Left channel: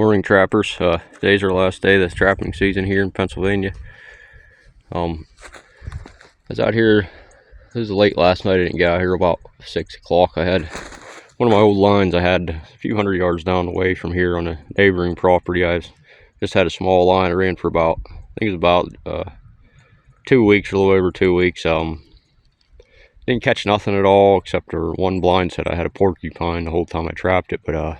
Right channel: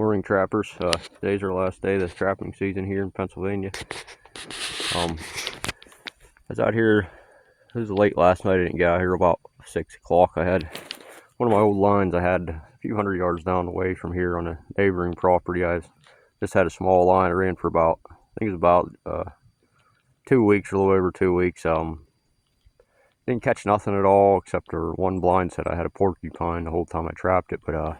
Morning, trappers. Today's our last day of this trapping season here in Pennsylvania. I was out here, it was late last night. I didn't get out here about 6 o'clock. I had one of my old lines I had a few hundred yards down the way from here on a neighboring property. I just had a small line I ran for about, I think it was about 2 weeks, a little over 2 weeks. Didn't catch nothing at all except for one blind set I had a porcupine the whole time I trapped it. But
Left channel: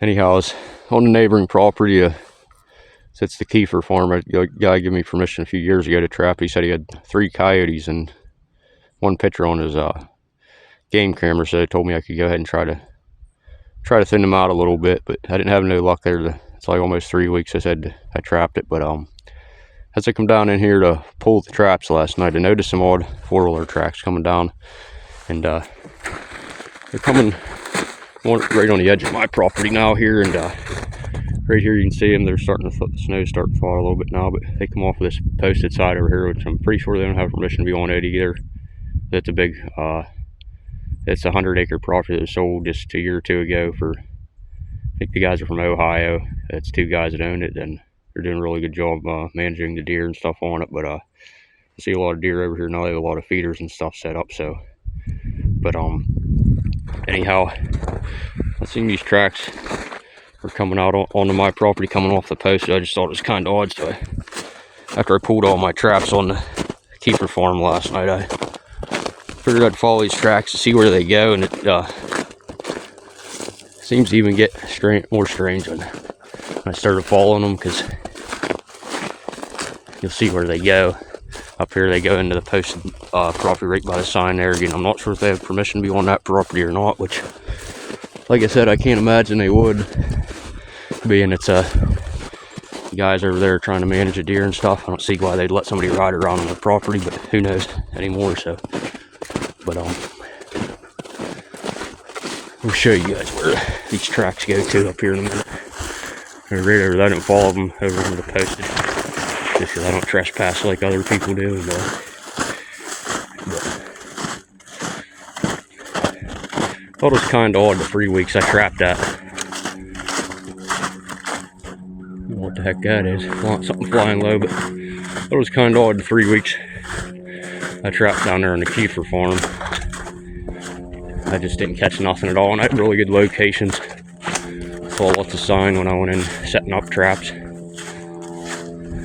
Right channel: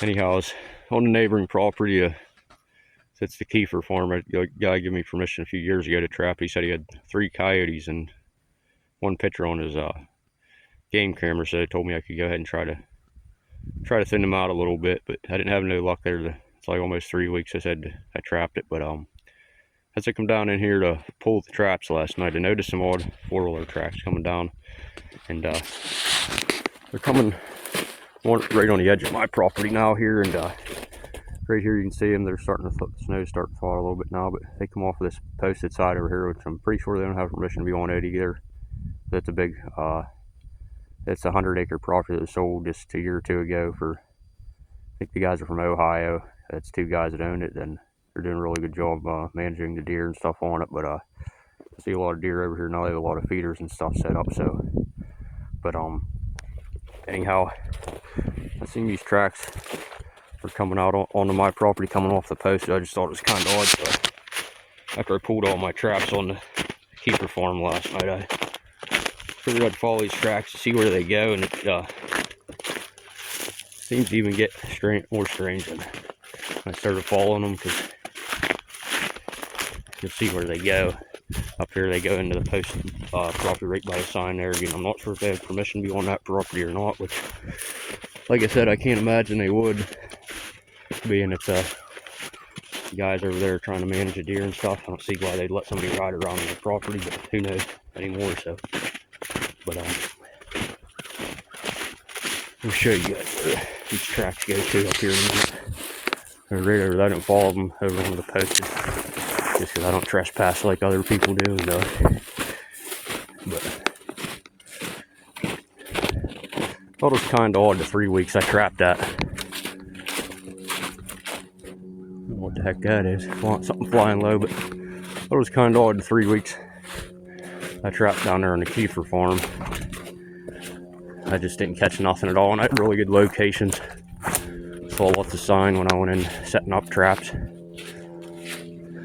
anyhow, I was on the neighboring property. It's the Kiefer farm. A guy gave me permission a few years ago to trap. He said he had 3 coyotes and 1 picture on his game camera, so he told me I could go ahead and try to thin them out a little bit. But I didn't have no luck there. It's like almost 3 weeks I said I trapped it. But as I come down in here to pull the traps last night, I noticed some odd 4-wheeler tracks coming down, and they're coming right on the edge of my property now here, and right here you can see them. They're starting to, the snow's starting to thaw a little bit now, but they come off of this posted side over here, which I'm pretty sure they don't have permission to be on it either. That's a big, it's a 100-acre property that was sold just a year or 2 ago for, I think the guys are from Ohio. It's 2 guys that own it, and they're doing a really good job managing the deer and stuff on it. But I see a lot of deer over here now. They have a lot of feeders and stuff set up. So, but anyhow, I seen these tracks were coming out onto my property, coming off the post. I just thought it was kind of odd. So after I pulled all my traps on the Kiefer farm last night, I figured I'd follow these tracks to see where they go, and it seems to even get more strange when I started following them, because you'll see where they go. Up here they go into the posted property right by the sign there. Again, I'm not sure if they have permission to be on that property or not, which, like I said, I can't imagine they would, being it's guys over there trying to manage a deer and stuff. I don't see why they'd let somebody ride around on their property, but who knows anymore. So, but we'll show you guys where these tracks go to up here in a minute. I didn't follow them over to the post just because I don't trespass like other people do. And, thought it was kind of odd the 3 weeks I trapped that. What the heck that is? Something flying low, but thought it was kind of odd the 3 weeks I trapped down there on the Kiefer farm. I just didn't catch nothing at all, and I had really good locations. Saw lots of sign when I went in setting up traps.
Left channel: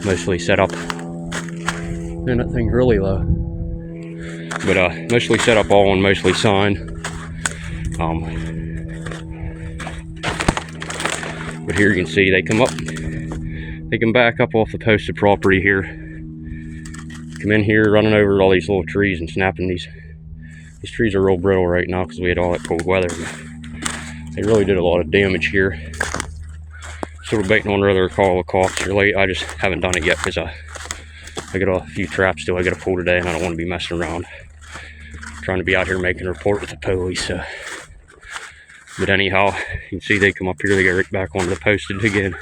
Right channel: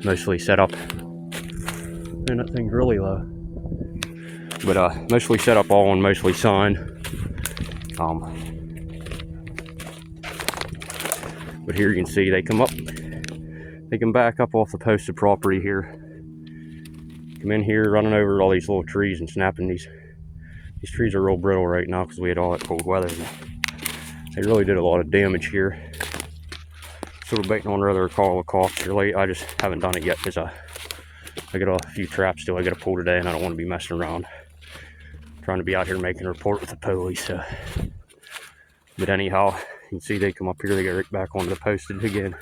Mostly set up, man, that thing's really low. But mostly set up all on mostly sign. But here you can see they come up, they can back up off the posted property here, come in here running over all these little trees and snapping these trees are real brittle right now because we had all that cold weather. They really did a lot of damage here. Sort of baiting on whether to call the cops or late. I just haven't done it yet because I got a few traps still I got to pull today, and I don't want to be messing around trying to be out here making a report with the police. But anyhow, you can see they come up here, they get right back onto the posted again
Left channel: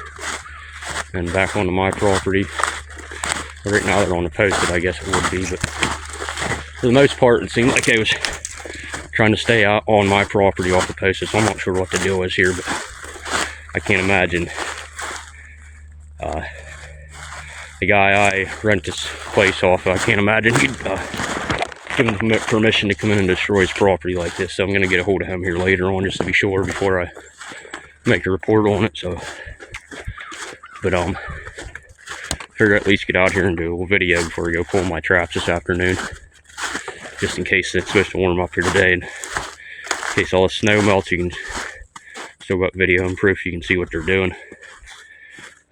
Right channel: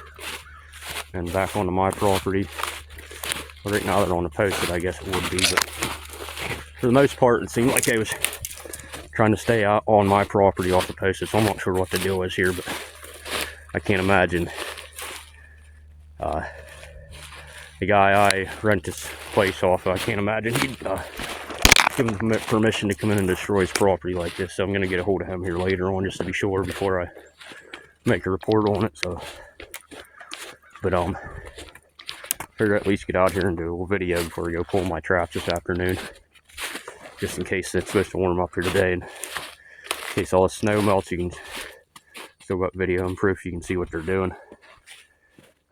and back onto my property. But right now they're on the posted, I guess it would be, but for the most part it seemed like they was trying to stay out on my property off the posted. So I'm not sure what the deal is here, but I can't imagine the guy I rent this place off, I can't imagine he'd give him permission to come in and destroy his property like this. So I'm going to get a hold of him here later on just to be sure before I make a report on it. So, but figure at least get out here and do a little video before I go pull my traps this afternoon, just in case it's supposed to warm up here today, and in case all the snow melts, you can still got video and proof. You can see what they're doing.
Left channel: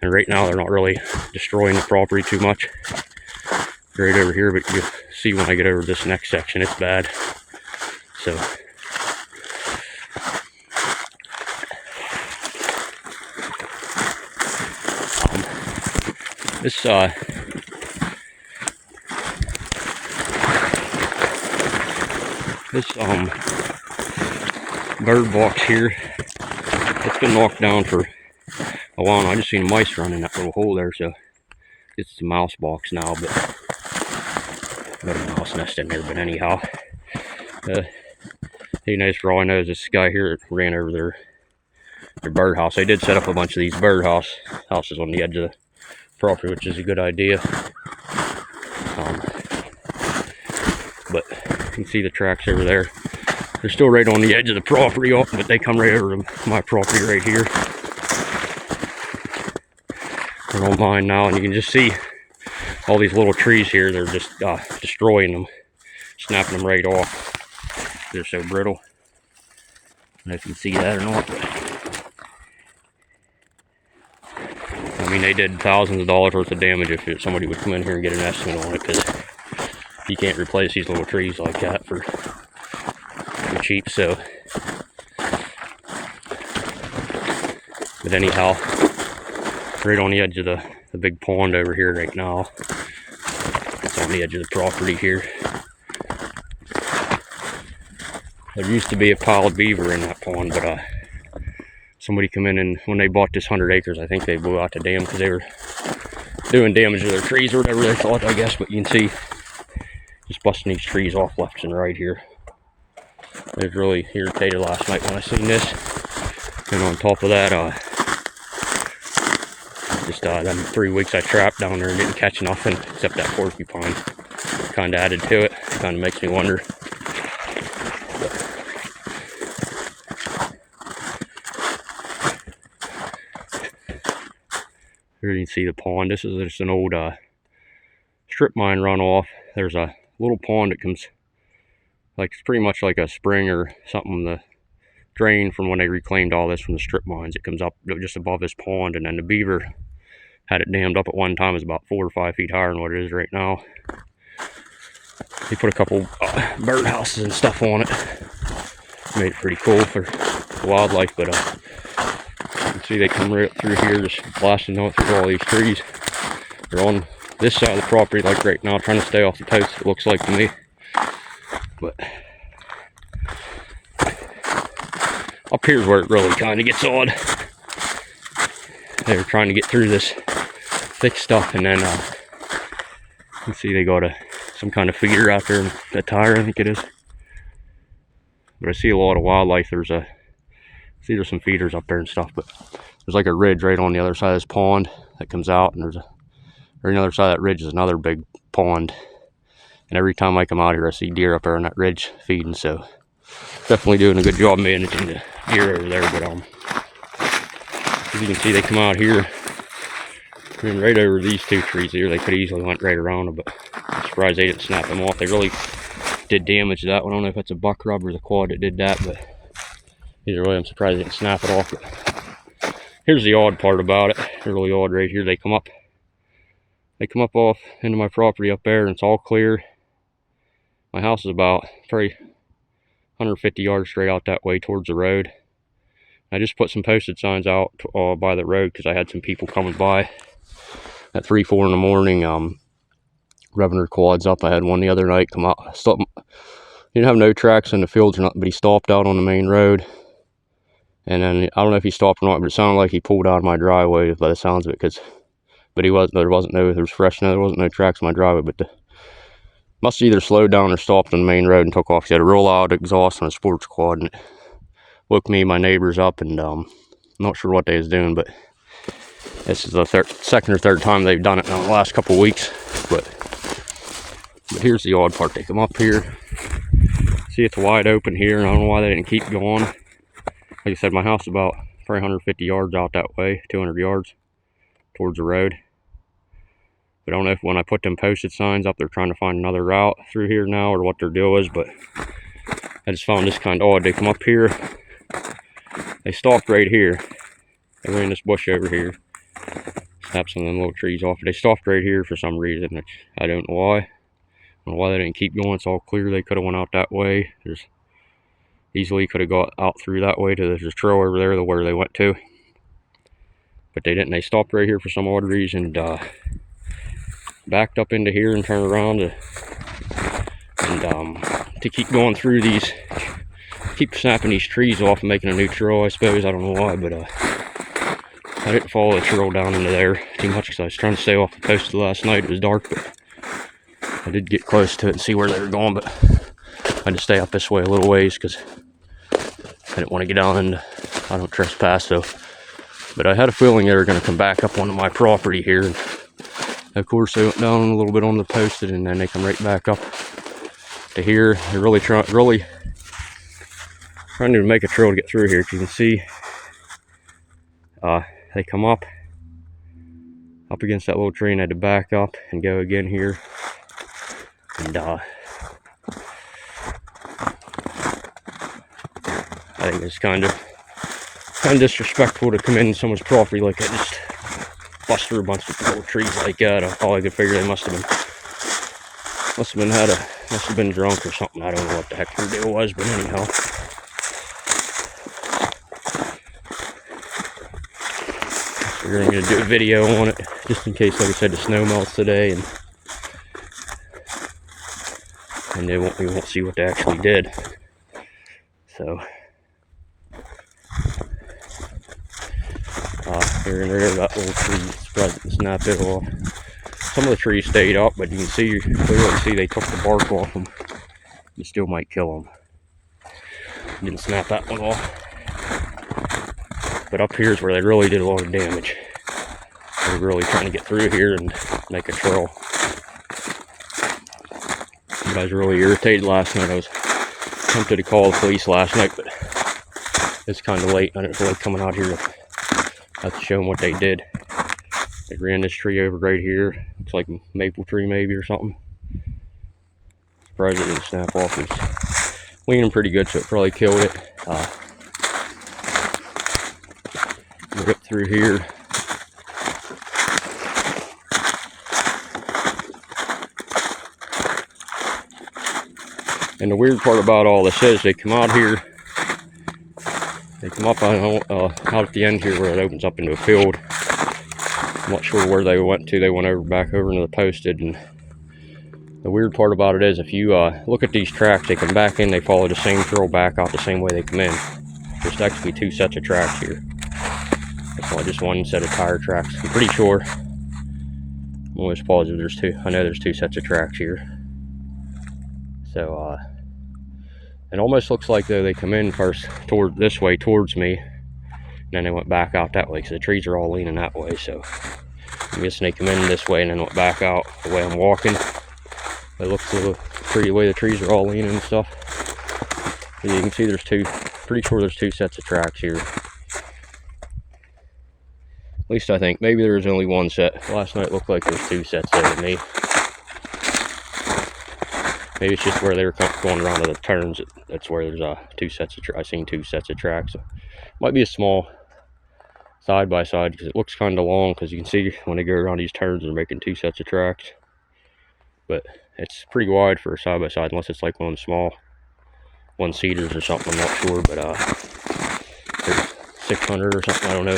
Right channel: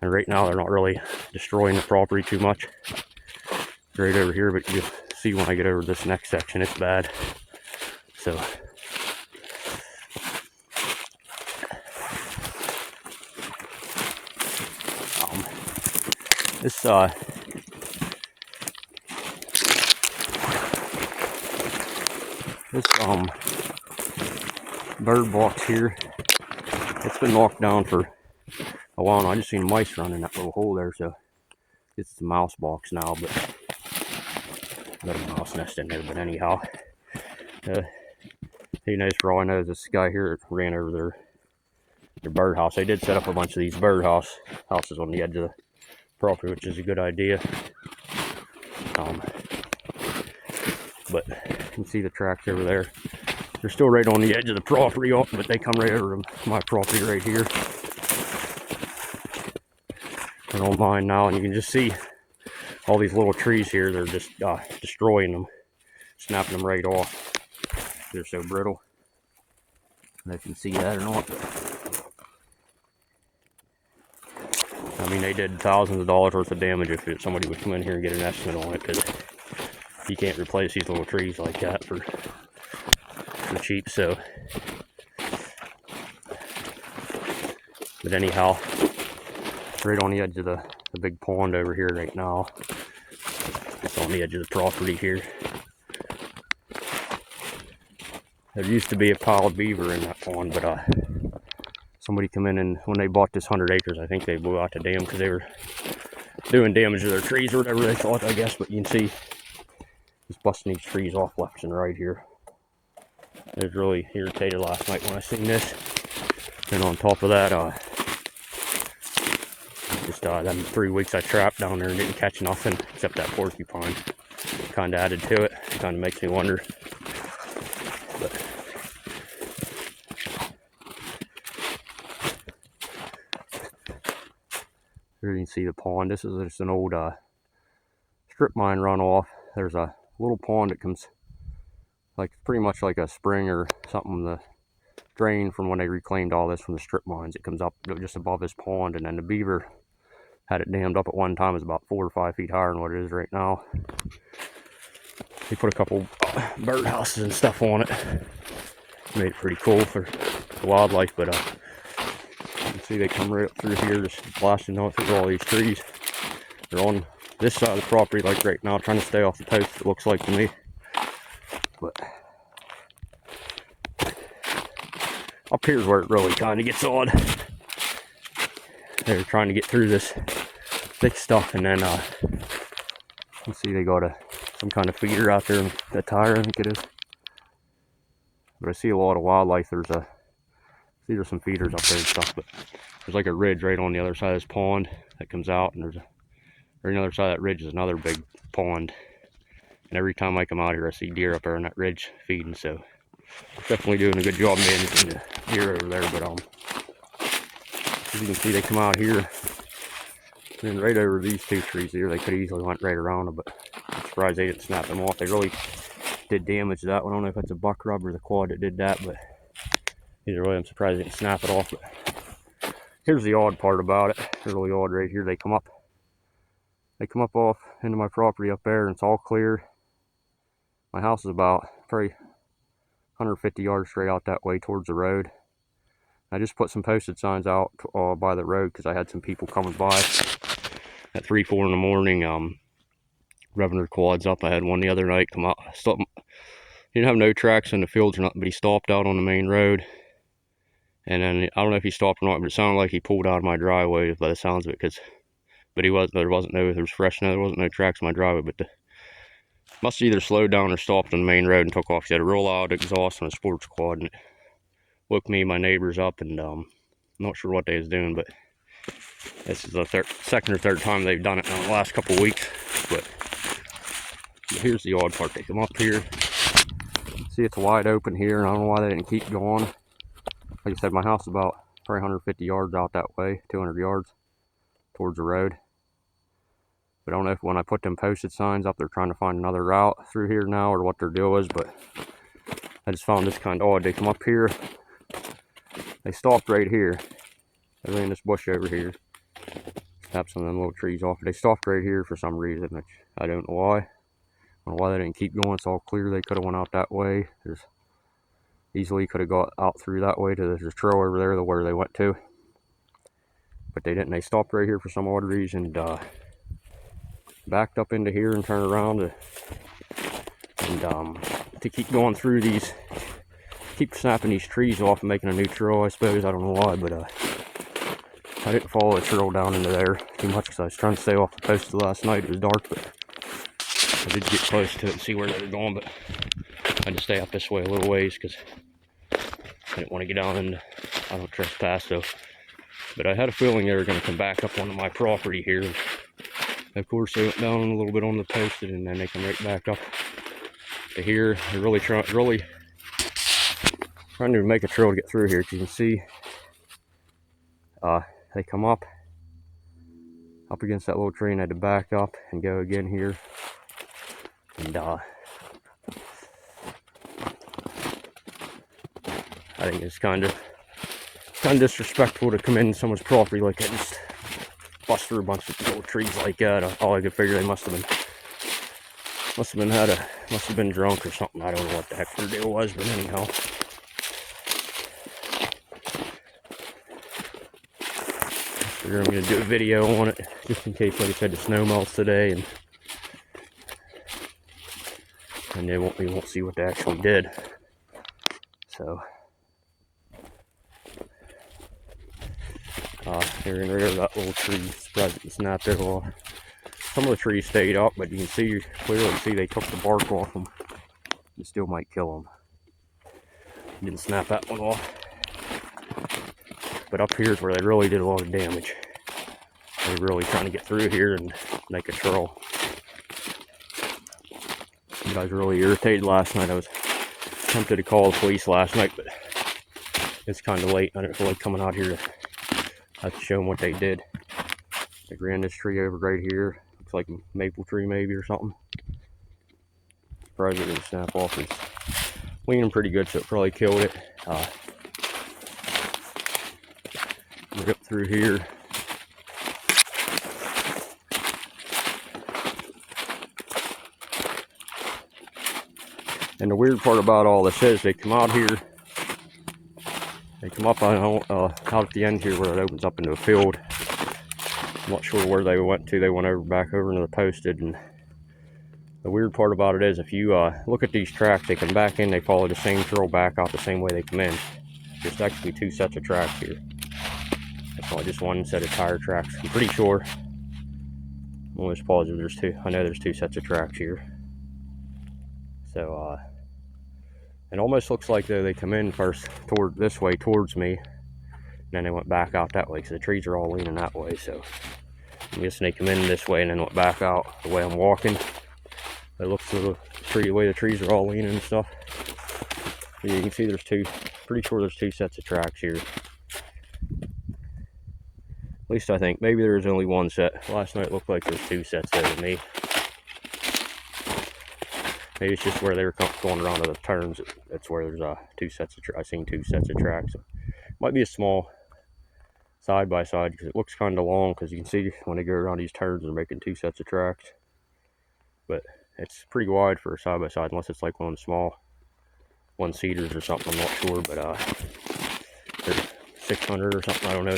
And right now they're not really destroying the property too much right over here, but you see when I get over this next section it's bad. So this bird box here, it's been knocked down for a while now. I just seen mice run in that little hole there, so it's the mouse box now, but there's a mouse nest in there. But anyhow, who knows, for all I know is this guy here ran over there their birdhouse. They did set up a bunch of these houses on the edge of the property, which is a good idea. But you can see the tracks over there. They're still right on the edge of the property, but they come right over to my property right here. They're on mine now, and you can just see all these little trees here. They're just destroying them, snapping them right off. They're so brittle. I don't know if you can see that or not. I mean, they did thousands of dollars worth of damage if somebody would come in here and get an estimate on it, because you can't replace these little trees like that for cheap. So, but anyhow, right on the edge of the big pond over here right now. It's on the edge of the property here. There used to be a pile of beaver in that pond, but somebody come in, and when they bought this 100 acres, I think they blew out the dam because they were doing damage to their trees or whatever they thought, I guess. But you can see just busting these trees off left and right here. I was really irritated last night when I seen this. And on top of that, just them 3 weeks I trapped down there and didn't catch nothing except that porcupine. Kind of added to it. Kind of makes me wonder. Here you can see the pond. This is just an old strip mine runoff. There's a little pond that comes, like, it's pretty much like a spring or something, the drain from when they reclaimed all this from the strip mines. It comes up just above this pond, and then the beaver had it dammed up at one time. It's about 4 or 5 feet higher than what it is right now. He put a couple bird houses and stuff on it. Made it pretty cool for the wildlife, but you can see they come right up through here, just blasting on through all these trees. They're on this side of the property, like right now, trying to stay off the post, it looks like to me. But up here's where it really kind of gets odd. They were trying to get through this thick stuff, and then you can see they got some kind of feeder out there, a tire, I think it is. But I see a lot of wildlife. See there's some feeders up there and stuff, but there's like a ridge right on the other side of this pond that comes out, and right on the other side of that ridge is another big pond. And every time I come out here, I see deer up there on that ridge feeding, so definitely doing a good job managing the deer over there. But as you can see, they come out here and right over these 2 trees here. They could easily went right around them, but I'm surprised they didn't snap them off. They really did damage to that one. I don't know if it's a buck rub or the quad that did that, but either way, I'm surprised they didn't snap it off. But here's the odd part about it. Really odd right here. They come up off into my property up there, and it's all clear. My house is about probably 150 yards straight out that way towards the road. I just put some posted signs out by the road because I had some people coming by at 3, 4 in the morning, revving their quads up. I had one the other night come out. He didn't have no tracks in the fields or nothing, but he stopped out on the main road. And then I don't know if he stopped or not, but it sounded like he pulled out of my driveway by the sounds of it. But there was fresh snow. There wasn't no tracks in my driveway, but must have either slowed down or stopped on the main road and took off. He had a real loud exhaust on a sports quad, and it woke me and my neighbors up, and I'm not sure what they was doing, but this is the second or third time they've done it in the last couple of weeks. But here's the odd part. They come up here, see it's wide open here, and I don't know why they didn't keep going. Like I said, my house is about probably 150 yards out that way, 200 yards towards the road. But I don't know if when I put them posted signs up, they're trying to find another route through here now, or what their deal is, but I just found this kind of odd. They come up here, they stopped right here. They went in this bush over here, snapped some of them little trees off. They stopped right here for some reason, which I don't know why. I don't know why they didn't keep going. It's all clear. They could have went out that way. There's easily could have got out through that way to the trail over there to where they went to. But they didn't. They stopped right here for some odd reason, backed up into here and turned around to keep going through these, keep snapping these trees off and making a new trail, I suppose. I don't know why, but I didn't follow the trail down into there too much because I was trying to stay off the coast last night. It was dark, but I did get close to it and see where they were going, but I had to stay up this way a little ways because I didn't want to get on, and I don't trespass, so. But I had a feeling they were going to come back up onto my property here. And of course, they went down a little bit on the posted, and then they come right back up to here. They're really trying to make a trail to get through here. As you can see, they come up against that little tree, and I had to back up and go again here. And I think it's kind of disrespectful to come in someone's property like that, just bust through a bunch of little trees like that. All I could figure, they must have been drunk or something. I don't know what the heck the deal was, but anyhow. So we're going to do a video on it, just in case, like I said, the snow melts today, and we won't see what they actually did. So here and there, that little tree spread and snapped it off. Some of the trees stayed up, but you can clearly see they took the bark off them. You still might kill them. Didn't snap that one off. But up here is where they really did a lot of damage. They were really trying to get through here and make a trail. You guys were really irritated last night. I was tempted to call the police last night, but it's kind of late. I didn't feel like coming out here to have to show them what they did. They ran this tree over right here. Looks like a maple tree maybe or something. Surprised it didn't snap off. It's leaning pretty good, so it probably killed it. We'll get through here. And the weird part about all this is they come out here. They come up out at the end here where it opens up into a field. I'm not sure where they went to. They went back over into the posted. And the weird part about it is, if you look at these tracks, they come back in, they follow the same trail back out the same way they come in. There's actually two sets of tracks here. It's not just one set of tire tracks. I'm pretty sure. I'm almost positive there's two. I know there's two sets of tracks here. So it almost looks like though they come in first toward this way towards me, and then they went back out that way, because the trees are all leaning that way. So I'm guessing they come in this way and then went back out the way I'm walking. It looks pretty the way the trees are all leaning and stuff. But you can see there's two. Pretty sure there's two sets of tracks here. At least I think. Maybe there's only one set. Last night it looked like there's two sets there to me. Maybe it's just where they were going around to the turns. That's where there's two sets of tracks. I've seen two sets of tracks. So might be a small side by side, because it looks kind of long, because you can see when they go around these turns they're making two sets of tracks. But it's pretty wide for a side by side, unless it's like one small one-seaters or something. I'm not sure, but 600 or something. I don't know.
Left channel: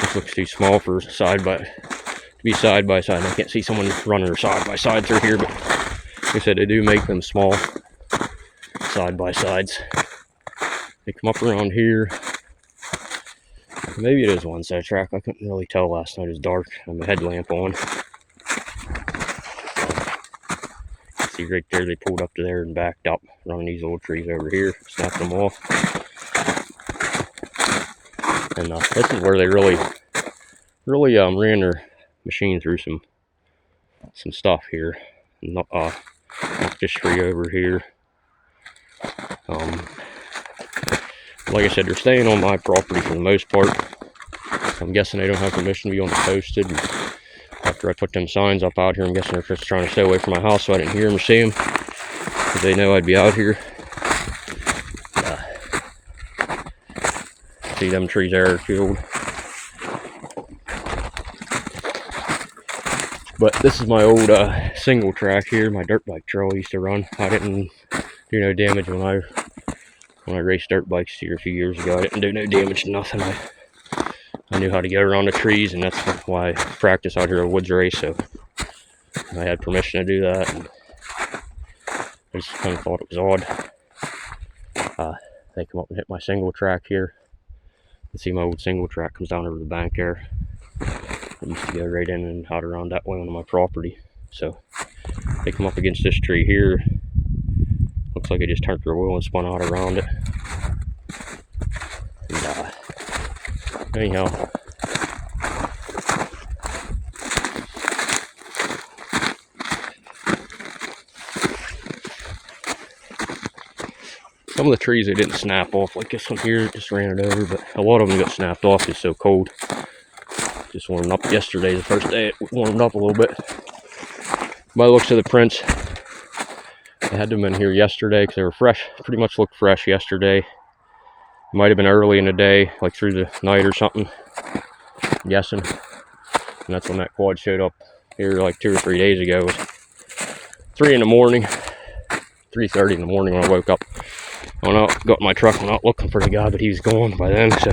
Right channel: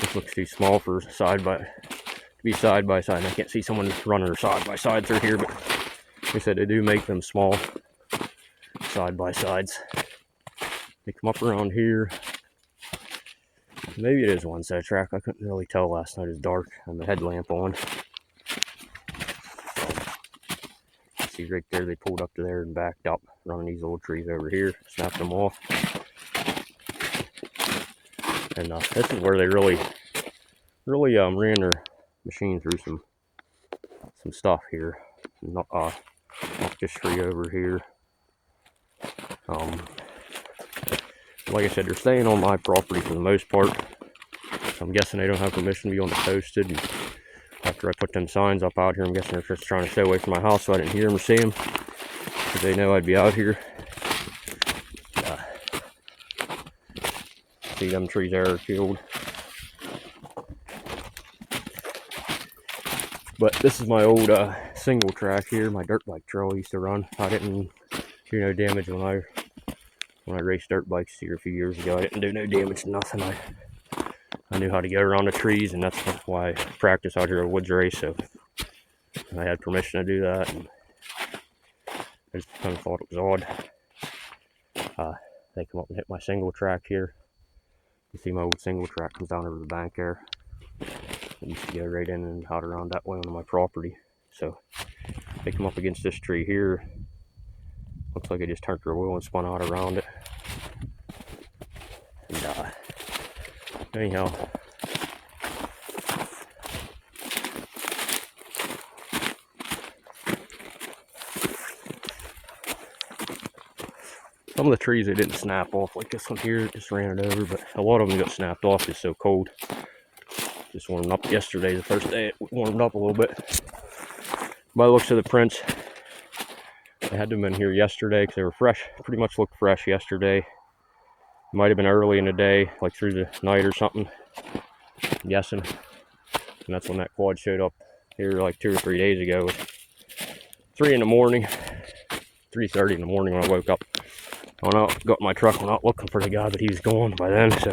This looks too small for side by side. I can't see someone running their side by side through here, but like I said, they do make them small side by sides. They come up around here. Maybe it is one set track. I couldn't really tell last night. It was dark. I had the headlamp on. See right there, they pulled up to there and backed up, running these old trees over here, snapped them off. And this is where they really ran their machine through some stuff here. Not this tree over here. Like I said, they're staying on my property for the most part. I'm guessing they don't have permission to be on the posted. And after I put them signs up out here, I'm guessing they're just trying to stay away from my house so I didn't hear them or see them, because they know I'd be out here. See them trees there are killed. But this is my old single track here, my dirt bike trail I used to run. I didn't do no damage when I raced dirt bikes here a few years ago. I didn't do no damage to nothing. I knew how to get around the trees, and that's why I practice out here at woods race. So I had permission to do that. And I just kind of thought it was odd. They come up and hit my single track here. You can see my old single track comes down over the bank there. I used to go right in and out around that way on my property. So they come up against this tree here. Looks like I just turned their wheel and spun out around it. Anyhow, some of the trees they didn't snap off, like this one here, just ran it over, but a lot of them got snapped off. It's so cold. Just warmed up yesterday, the first day it warmed up a little bit. By the looks of the prints, I had them in here yesterday because they were fresh, pretty much looked fresh yesterday. Might have been early in the day, like through the night or something, I'm guessing. And that's when that quad showed up here like 2 or 3 days ago. It was 3 in the morning, 3:30 in the morning when I woke up. I went out, got in my truck, went out looking for the guy, but he was gone by then, so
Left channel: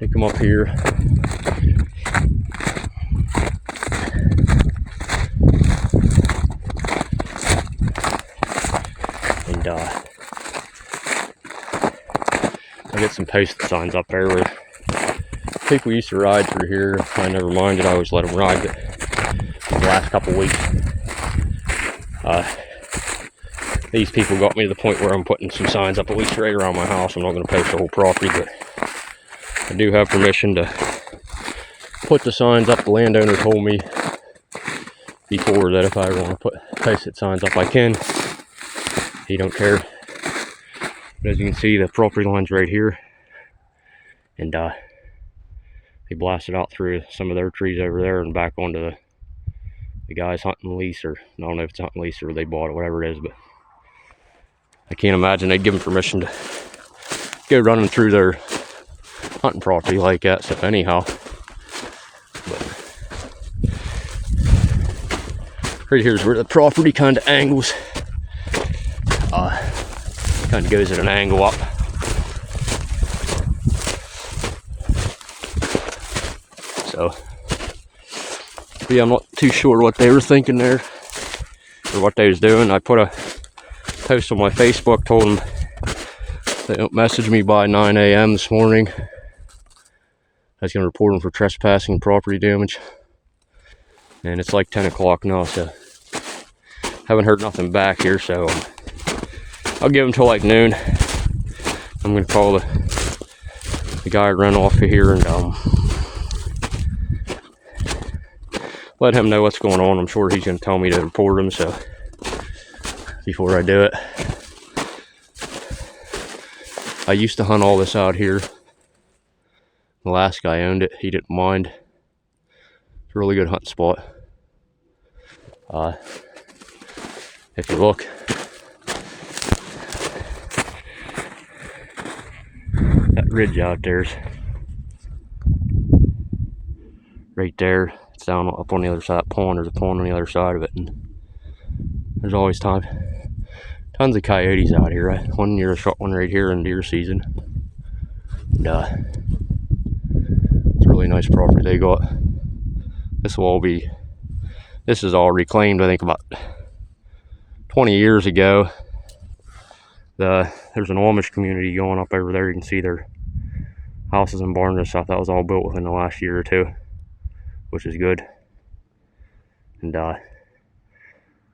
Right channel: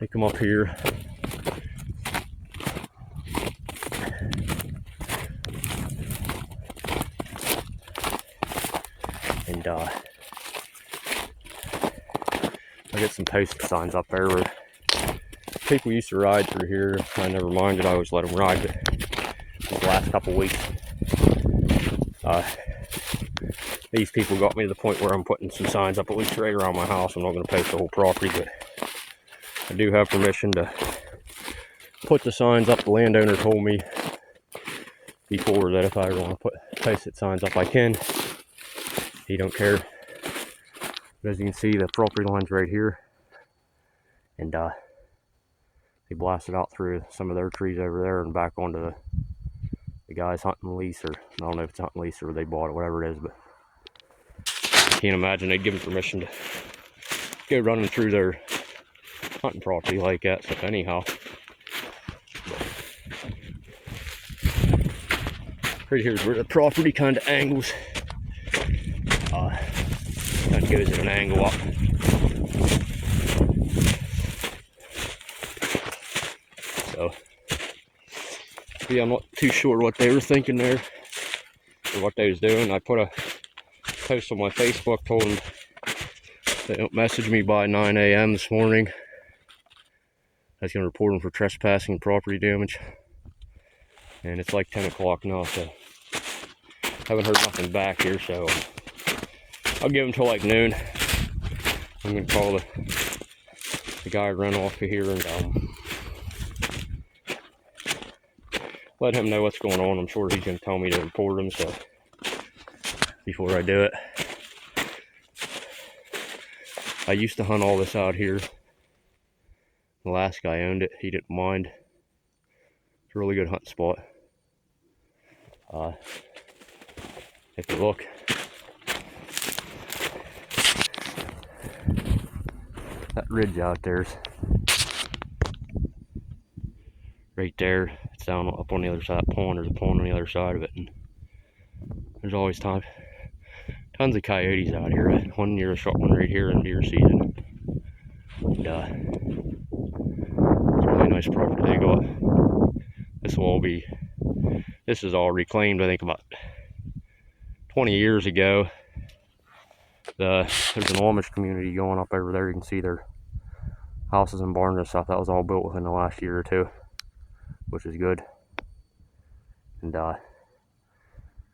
they come up here. And I get some posted signs up there where people used to ride through here. I never minded, I always let them ride, but the last couple weeks, these people got me to the point where I'm putting some signs up at least right around my house. I'm not going to post the whole property, but I do have permission to put the signs up. The landowner told me before that if I want to put posted signs up, I can. He don't care. But as you can see, the property line's right here, and they blasted out through some of their trees over there and back onto the guys hunting lease, or I don't know if it's hunting lease or they bought it, whatever it is, but I can't imagine they'd give them permission to go running through their hunting property like that. So anyhow, but right here's where the property kind of angles, kind of goes at an angle up. So yeah, I'm not too sure what they were thinking there or what they was doing. I put a post on my Facebook, told them they don't message me by 9 a.m. this morning. I was going to report them for trespassing and property damage. And it's like 10 o'clock now, so haven't heard nothing back here, so I'll give them till like noon. I'm going to call the guy who ran off of here and let him know what's going on. I'm sure he's going to tell me to report him, so before I do it. I used to hunt all this out here. The last guy owned it. He didn't mind. It's a really good hunting spot. If you look, that ridge out there's right there. It's down up on the other side of that pond. There's a pond on the other side of it, and there's always tons of coyotes out here. One year I shot one right here in deer season. And, it's a really nice property they got. This is all reclaimed, I think about 20 years ago. There's an Amish community going up over there. You can see their houses and barns and stuff. That was all built within the last year or two, which is good. And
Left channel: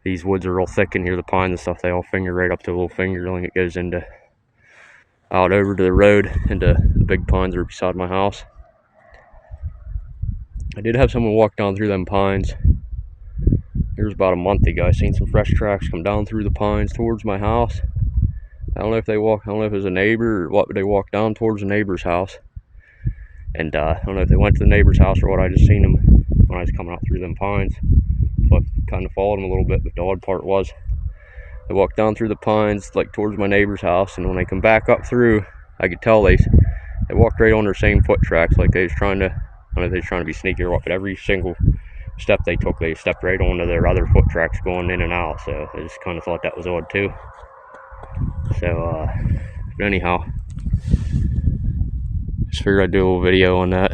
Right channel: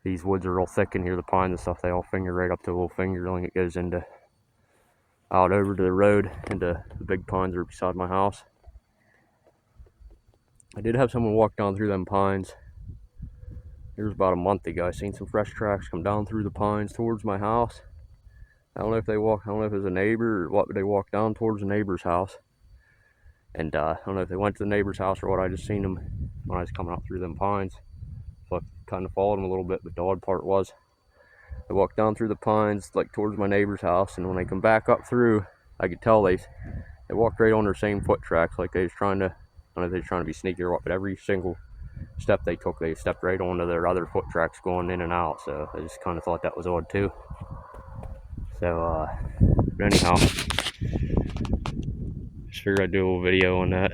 these woods are real thick in here. The pines and stuff, they all finger right up to a little fingerling. It goes into out over to the road into the big pines that are beside my house. I did have someone walk down through them pines. Here's about a month ago. I seen some fresh tracks come down through the pines towards my house. I don't know if it was a neighbor or what, but they walked down towards the neighbor's house. And I don't know if they went to the neighbor's house or what. I just seen them when I was coming out through them pines. So I kind of followed them a little bit, but the odd part was they walked down through the pines like towards my neighbor's house, and when they come back up through, I could tell they walked right on their same foot tracks, like they was trying to, I don't know if they was trying to be sneaky or what, but every single step they took, they stepped right onto their other foot tracks going in and out. So I just kind of thought that was odd too. So anyhow, just figured I'd do a little video on that,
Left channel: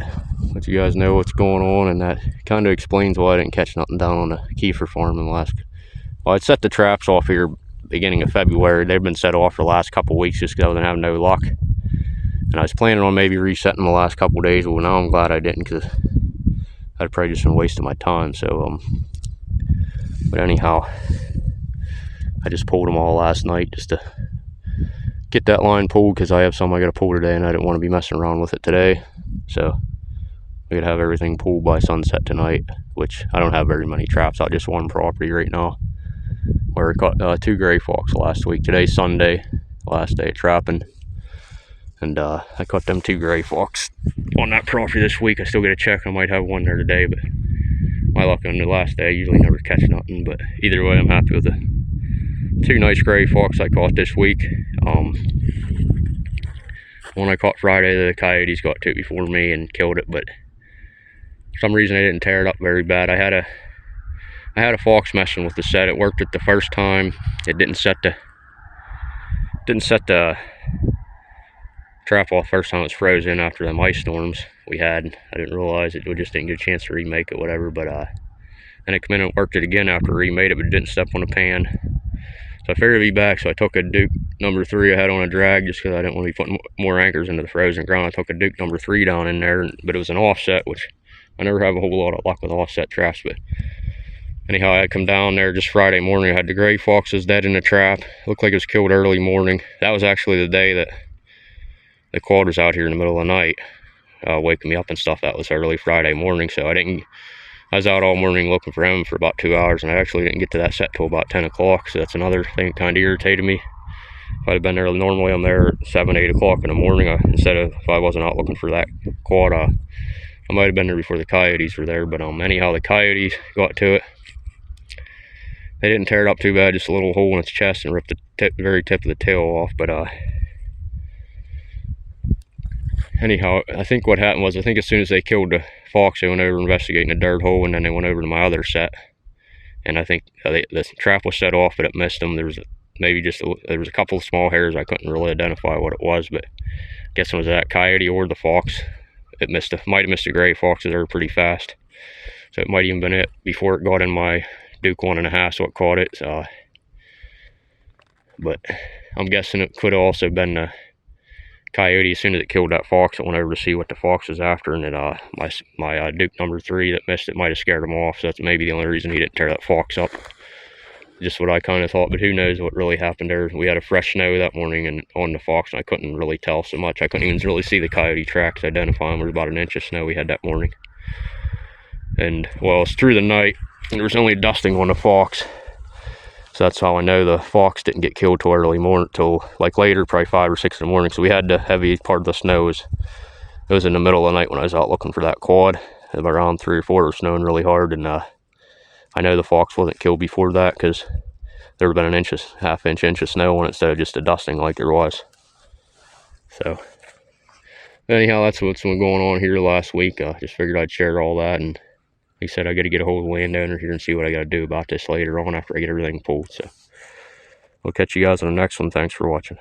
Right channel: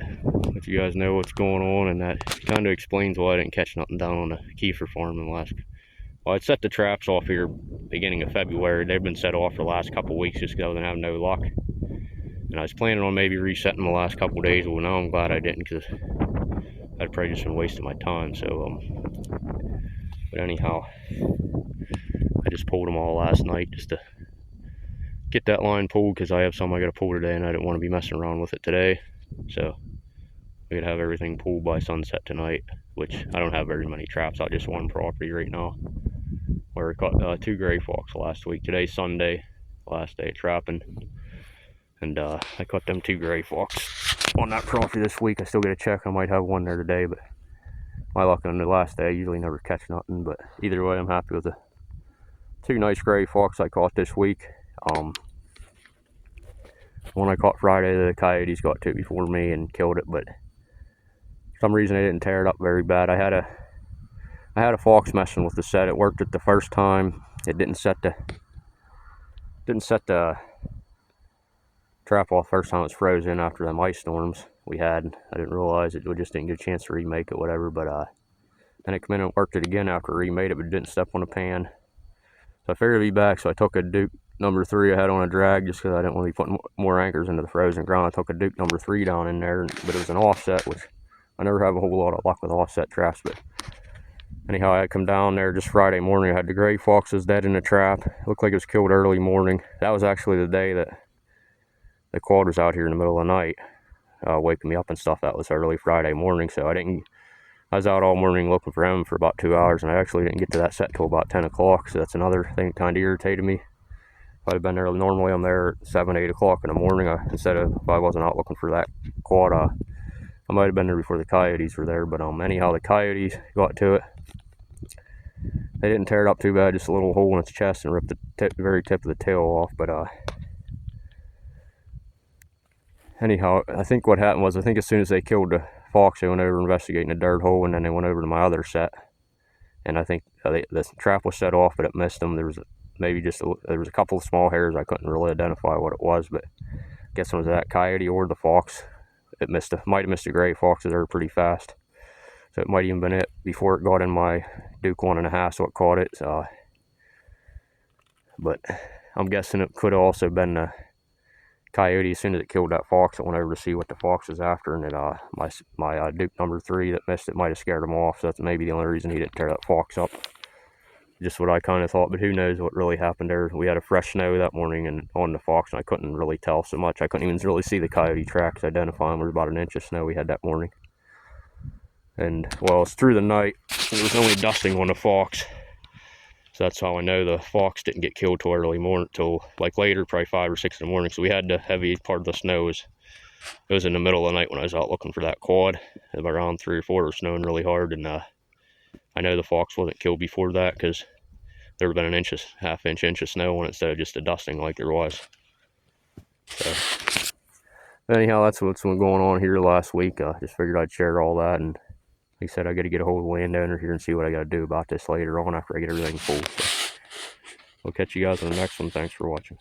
let you guys know what's going on, and that kind of explains why I didn't catch nothing down on the Kiefer farm in the last. Well, I'd set the traps off here beginning of February. They've been set off for the last couple weeks just because I didn't have no luck. And I was planning on maybe resetting the last couple days. Well, now I'm glad I didn't, because I'd probably just been wasting my time. So, but anyhow, I just pulled them all last night just to get that line pulled because I have some I got to pull today, and I didn't want to be messing around with it today. So we could have everything pulled by sunset tonight, which I don't have very many traps out just one property right now, where I caught 2 gray fox last week. Today's Sunday, last day of trapping, and I caught them 2 gray fox on that property this week. I still got to check. I might have one there today, but my luck on the last day, I usually never catch nothing. But either way, I'm happy with the 2 nice gray fox I caught this week. One I caught Friday, the coyotes got to it before me and killed it, but for some reason I didn't tear it up very bad. I had a fox messing with the set. It worked it the first time. It didn't set the trap off first time. It was frozen after them ice storms we had. I didn't realize it. We just didn't get a chance to remake it, whatever. But then it came in and worked it again after I remade it, but it didn't step on the pan. So I figured it'd be back, so I took a Duke number 3 I had on a drag just because I didn't want to be putting more anchors into the frozen ground. I took a Duke number 3 down in there, but it was an offset, which I never have a whole lot of luck with offset traps. But anyhow, I had come down there just Friday morning. I had the gray foxes dead in the trap. It looked like it was killed early morning. That was actually the day that the quad was out here in the middle of the night, waking me up and stuff. That was early Friday morning, so I was out all morning looking for him for about 2 hours, and I actually didn't get to that set till about 10 o'clock, so that's another thing that kind of irritated me. If I'd have been there, normally I'm there at 7, 8 o'clock in the morning. Instead of, if I wasn't out looking for that quad, I might have been there before the coyotes were there. But anyhow, the coyotes got to it. They didn't tear it up too bad, just a little hole in its chest and ripped the very tip of the tail off. But anyhow, I think what happened was, I think as soon as they killed the fox, they went over investigating the dirt hole, and then they went over to my other set, and I think the trap was set off, but it missed them. There was there was a couple of small hairs. I couldn't really identify what it was, but I guess it was that coyote or the fox. It might have missed the gray foxes. They were pretty fast, so it might even been it before it got in my Duke 1.5, so it caught it. But I'm guessing it could have also been the coyote. As soon as it killed that fox, it went over to see what the fox was after, and my Duke number 3 that missed it might have scared him off. So that's maybe the only reason he didn't tear that fox up. Just what I kind of thought, but who knows what really happened there. We had a fresh snow that morning and on the fox, and I couldn't really tell so much. I couldn't even really see the coyote tracks, identify them. There was about an inch of snow we had that morning. And well, it's through the night, and there was only dusting on the fox. So that's how I know the fox didn't get killed till early morning, till like later, probably 5 or 6 in the morning. So we had the heavy part of the snow. It was in the middle of the night when I was out looking for that quad. Around 3 or 4, it was snowing really hard, and I know the fox wasn't killed before that, because there would have been an half inch of snow on it instead of just a dusting like there was. So anyhow, that's what's been going on here last week. I just figured I'd share all that, and he said I got to get a hold of the landowner here and see what I got to do about this later on after I get everything pulled. So we'll catch you guys on the next one. Thanks for watching.